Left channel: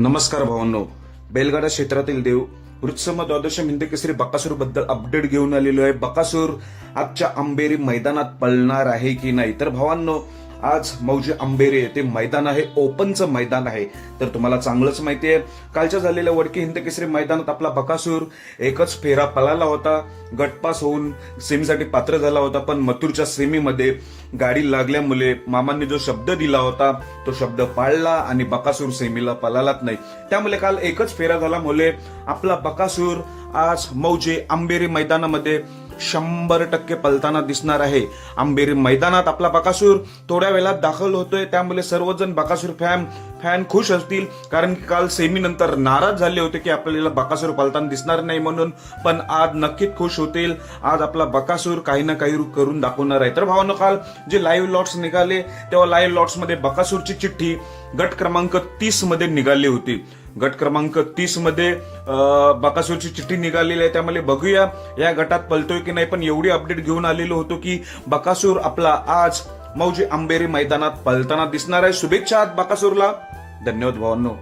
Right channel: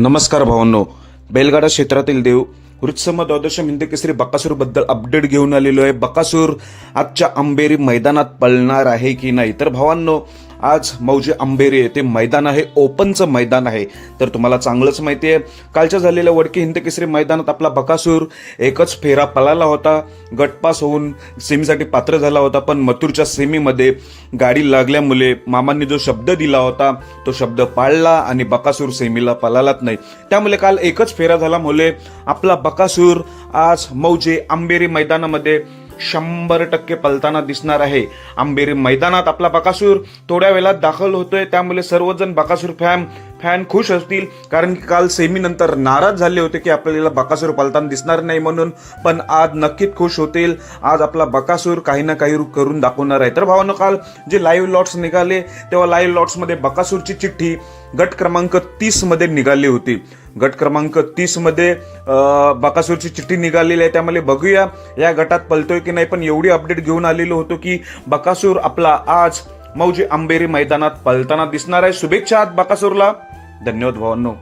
नमस्कार भावांनो. बैलगाडा क्षेत्रातील देव वृत्सम द्वादश हिंद केसरी बकासूरबद्दल अपडेट घेऊन आलेलो आहे. बकासूर आजच्या अंबेरी मैदानात पळणार आहे की नाही? तर भावांनो आज मौजे अंबेरी ते मैदान आहे ओपनचं मैदान आहे. तर तुम्हाला चांगलंच माहिती आहे कालच्या झालेल्या वडकी हिंद केसरी मैदानात आपला बकासूर एकच फेरा पळाला होता. गटपास होऊन सेमीसाठी पात्र झाला होता पण मथुरच्या सेमीमध्ये गाडी लागल्यामुळे मामांनी जो शब्द दिला होता तो शब्द पाळला आणि बकासूर सेमीला पळालाच नाही. त्यामुळे काल एकच फेरा झाल्यामुळे आपला बकासूर आज मौजे आंबेरी मैदानामध्ये शंभर टक्के पलताना दिसणार आहे. आंबेरी मैदानात आपला बकासूर. थोड्या वेळात दाखल होतोय. त्यामुळे सर्वजण बकासूर फॅम फॅन खुश असतील कारण की काल सेमी नंतर नाराज झाले होते की आपल्याला बकासूर पालताना दिसणार नाही म्हणून पण आज नक्कीच खुश होतील. आज आपला बकासूर काही ना काही करून दाखवणार आहे. तर भावानं काल जे लाईव्ह लॉट्स निघाले तेव्हा लाईव्ह लॉट्समध्ये बकासूरची चिठ्ठी गट क्रमांक तीसमध्ये निघाली होती. गट क्रमांक तीसमध्ये बकासूरची चिठ्ठी निघालेली आहे. त्यामुळे बघूया या गटात पलतोय की नाही पण एवढी अपडेट घेऊन आलेलो होतो की बकासूर आपला आज मौजी आंबेरी मैदानात पलताना दिसणार आहे. शुभेच्छा आज बकासूरला. धन्यवाद भावांनो.